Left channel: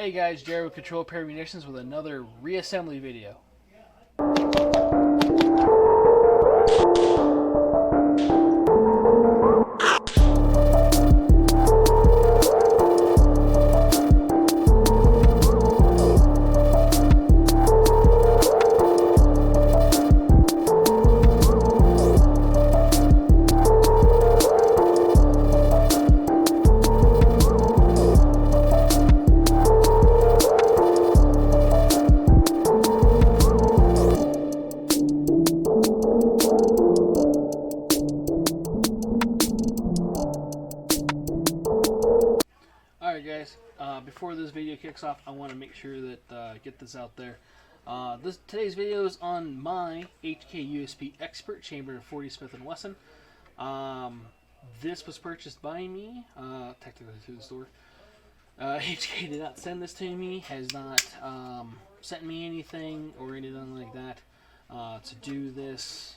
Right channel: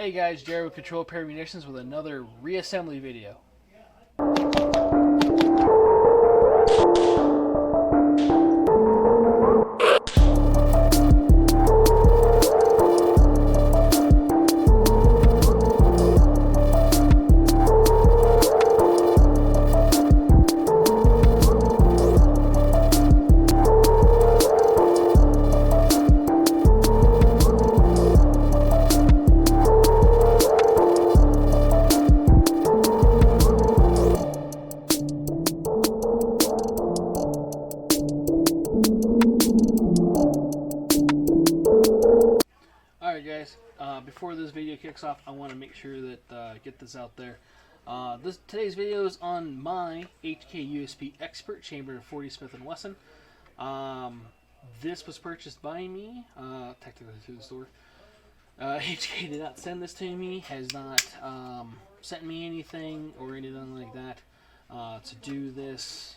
Hey guys, Jared with Control Pair Munitions with another reassembly video. Before this video kicks off, I want to make sure that get this out there. Today's video is on my HK USP Expert Chamber 40 Smith & Wesson. This was purchased by me, technically through the store. HK did not send this to me, has not sent me anything or anything like that to do this.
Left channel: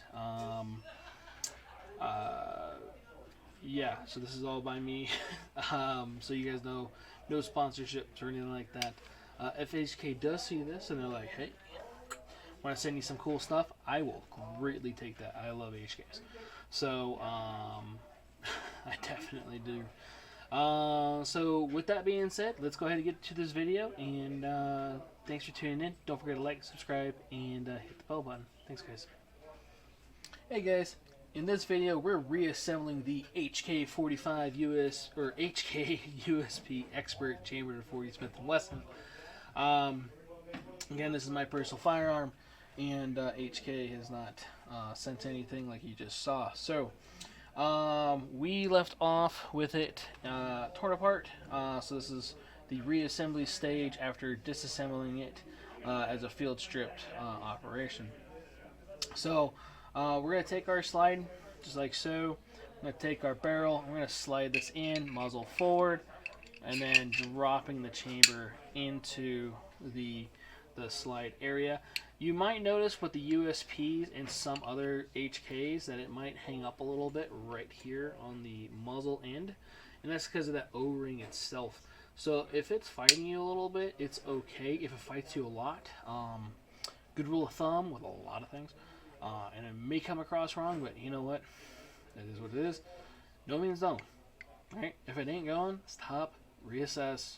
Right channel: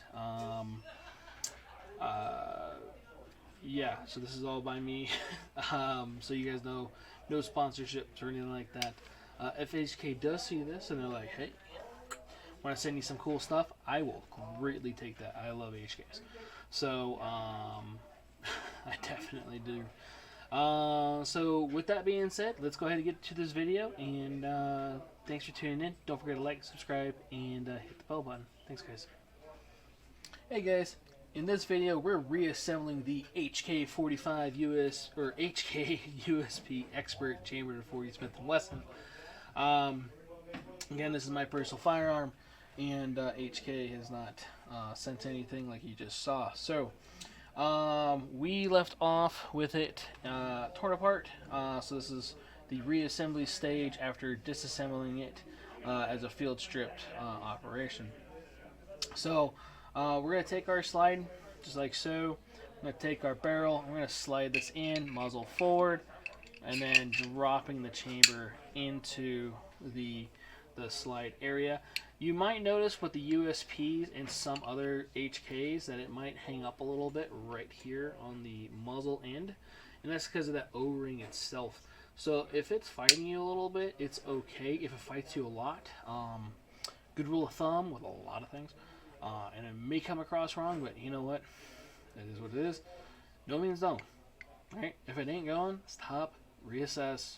Yeah, so this is all by me. So you guys know, no sponsorships or anything like that. If HK does see this and they're like, hey, want to send you some cool stuff, I will greatly take that. I love HKs. So, I definitely do. So, with that being said, let's go ahead and get to this video. And thanks for tuning in. Don't forget to like, subscribe, and hit the bell button. Thanks, guys. Hey, guys. In this video, we're reassembling the HK 45 HK USP Expert Chamber 40 Smith & Wesson. Again, this is my personal firearm, and HK has not sent anything like you just saw. So, we left off with it torn apart. So this is the reassembly stage after disassembling it as a field stripped operation. So, we're going to take our slide, just like so. I'm going to take our barrel, I'm going to slide this in, muzzle forward, and then dropping the chamber into the slide area. You might notice with the USPs and some other HKs that it might hang up a little bit right here on the muzzle end, and that's because of that O-ring itself. So if it's fighting you a little bit, it's okay. If it fights you a lot, good rule of thumb with a lot of things, and it may come across wrong, but you know what? That is what it is. No means no. Alright? If it ain't going, stop, reassess,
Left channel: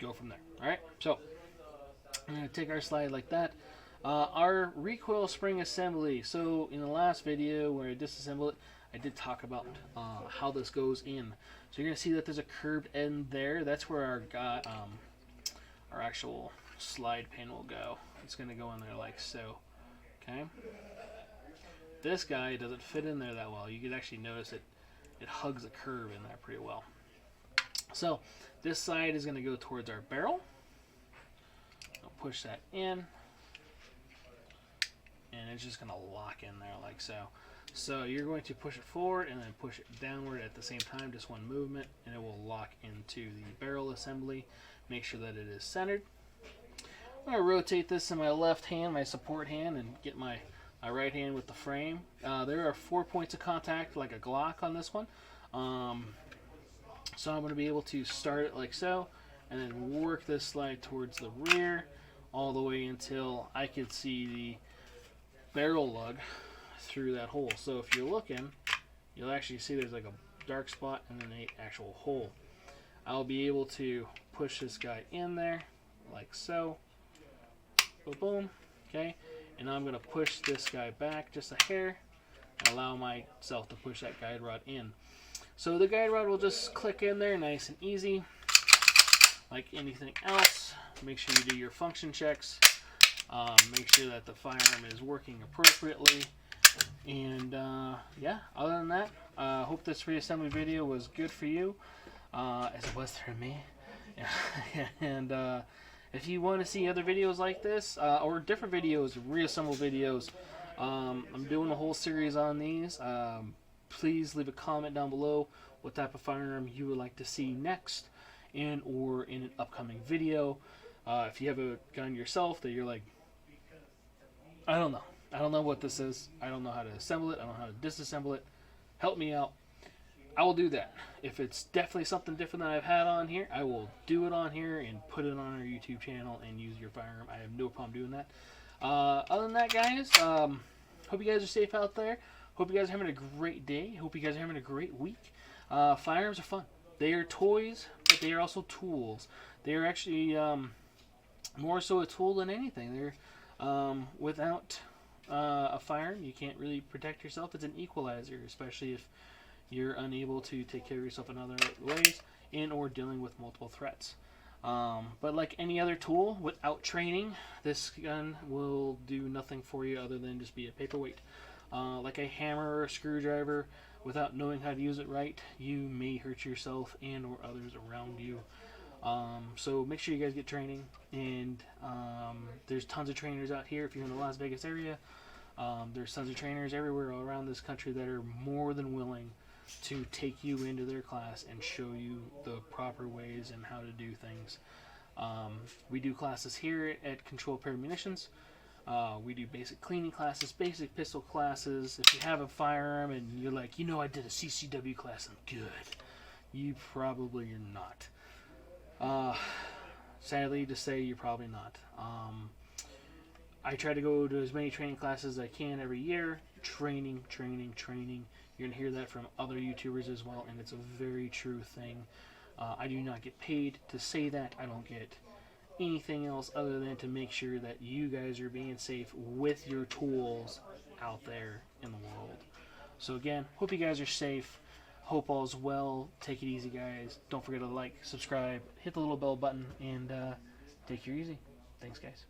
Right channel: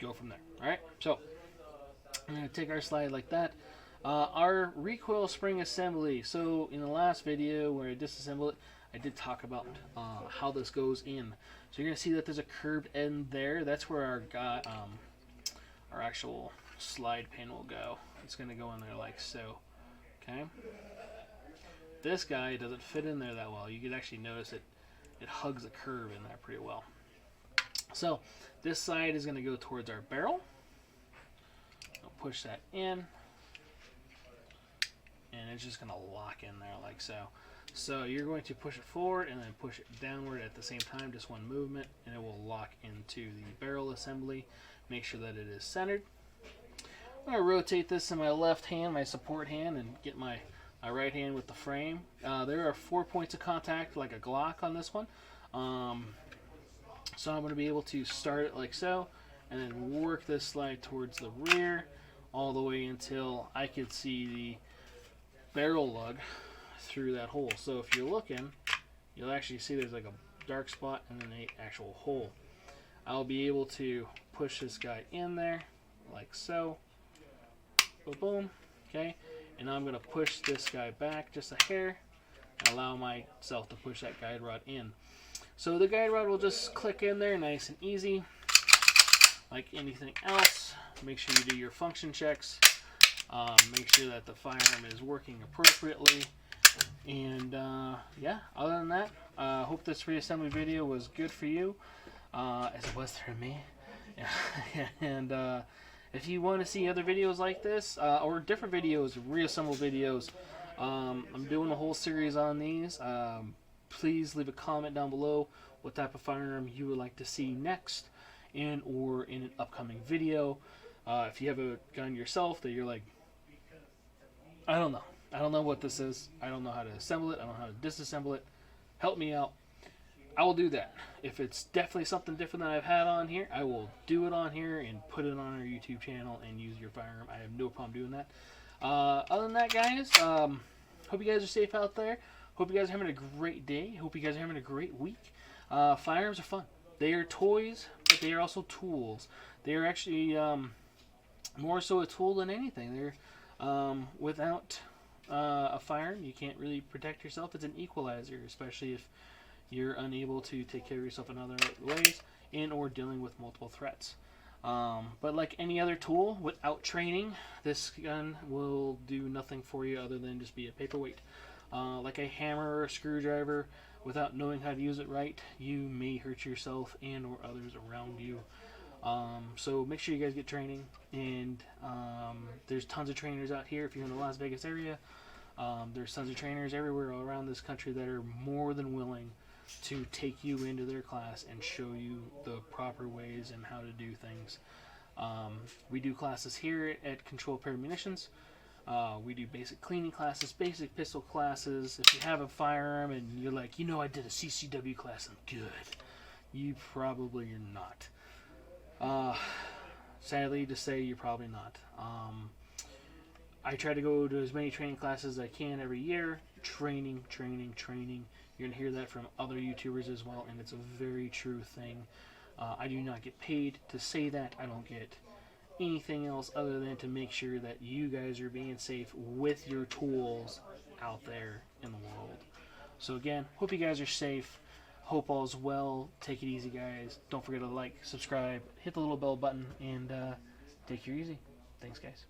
go from there. Alright? So, I'm going to take our slide like that. Our recoil spring assembly. So, in the last video where I disassembled it, I did talk about how this goes in. So, you're going to see that there's a curved end there. That's where our actual slide pin will go. It's going to go in there like so. Okay. This guy doesn't fit in there that well. You can actually notice it hugs a curve in there pretty well. So this side is going to go towards our barrel. I'll push that in, and it's just going to lock in there like so. So you're going to push it forward and then push it downward at the same time, just one movement, and it will lock into the barrel assembly. Make sure that it is centered. I'm going to rotate this in my left hand, my support hand, and get my right hand with the frame. There are 4 points of contact, like a Glock on this one. So I'm going to be able to start it like so, and then work this slide towards the rear, all the way until I could see the barrel lug through that hole. So if you're looking, you'll actually see there's like a dark spot and then an actual hole. I'll be able to push this guy in there, like so. Boom, boom, okay, and now I'm going to push this guy back just a hair and allow myself to push that guide rod in. So the guide rod will just click in there nice and easy, like anything else. Make sure you do your function checks, make sure that the firearm is working appropriately, and yeah, other than that, hope this reassembly video was good for you, as it was for me. And if you want to see other videos like this, or different videos, reassemble videos, I'm doing a whole series on these. Please leave a comment down below what type of firearm you would like to see next, or in an upcoming video. If you have a gun yourself that you're like, I don't know what this is, I don't know how to assemble it, I don't know how to disassemble it, help me out. I will do that. If it's definitely something different that I've had on here, I will do it on here and put it on our YouTube channel and use your firearm. I have no problem doing that. Other than that, guys, hope you guys are safe out there. Hope you guys are having a great day. Hope you guys are having a great week. Firearms are fun. They are toys, but they are also tools. They are actually more so a tool than anything. They're without a firearm, you can't really protect yourself. It's an equalizer, especially if you're unable to take care of yourself in other ways and or dealing with multiple threats. But like any other tool, without training, this gun will do nothing for you other than just be a paperweight. Like a hammer or a screwdriver, without knowing how to use it right, you may hurt yourself and or others around you. So make sure you guys get training, and there's tons of trainers out here. If you're in the Las Vegas area, there's tons of trainers everywhere all around this country that are more than willing to take you into their class and show you the proper ways and how to do things. We do classes here at Control Pair Munitions. We do basic cleaning classes, basic pistol classes. If you have a firearm and you're like, I did a CCW class, I'm good. You probably are not. Sadly to say, you're probably not. I try to go to as many training classes as I can every year. Training. You're going to hear that from other YouTubers as well, and it's a very true thing. I do not get paid to say that. I don't get anything else other than to make sure that you guys are being safe with your tools out there in the world. So again, hope you guys are safe. Hope all's well. Take it easy, guys. Don't forget to like, subscribe, hit the little bell button, and take it easy. Thanks, guys.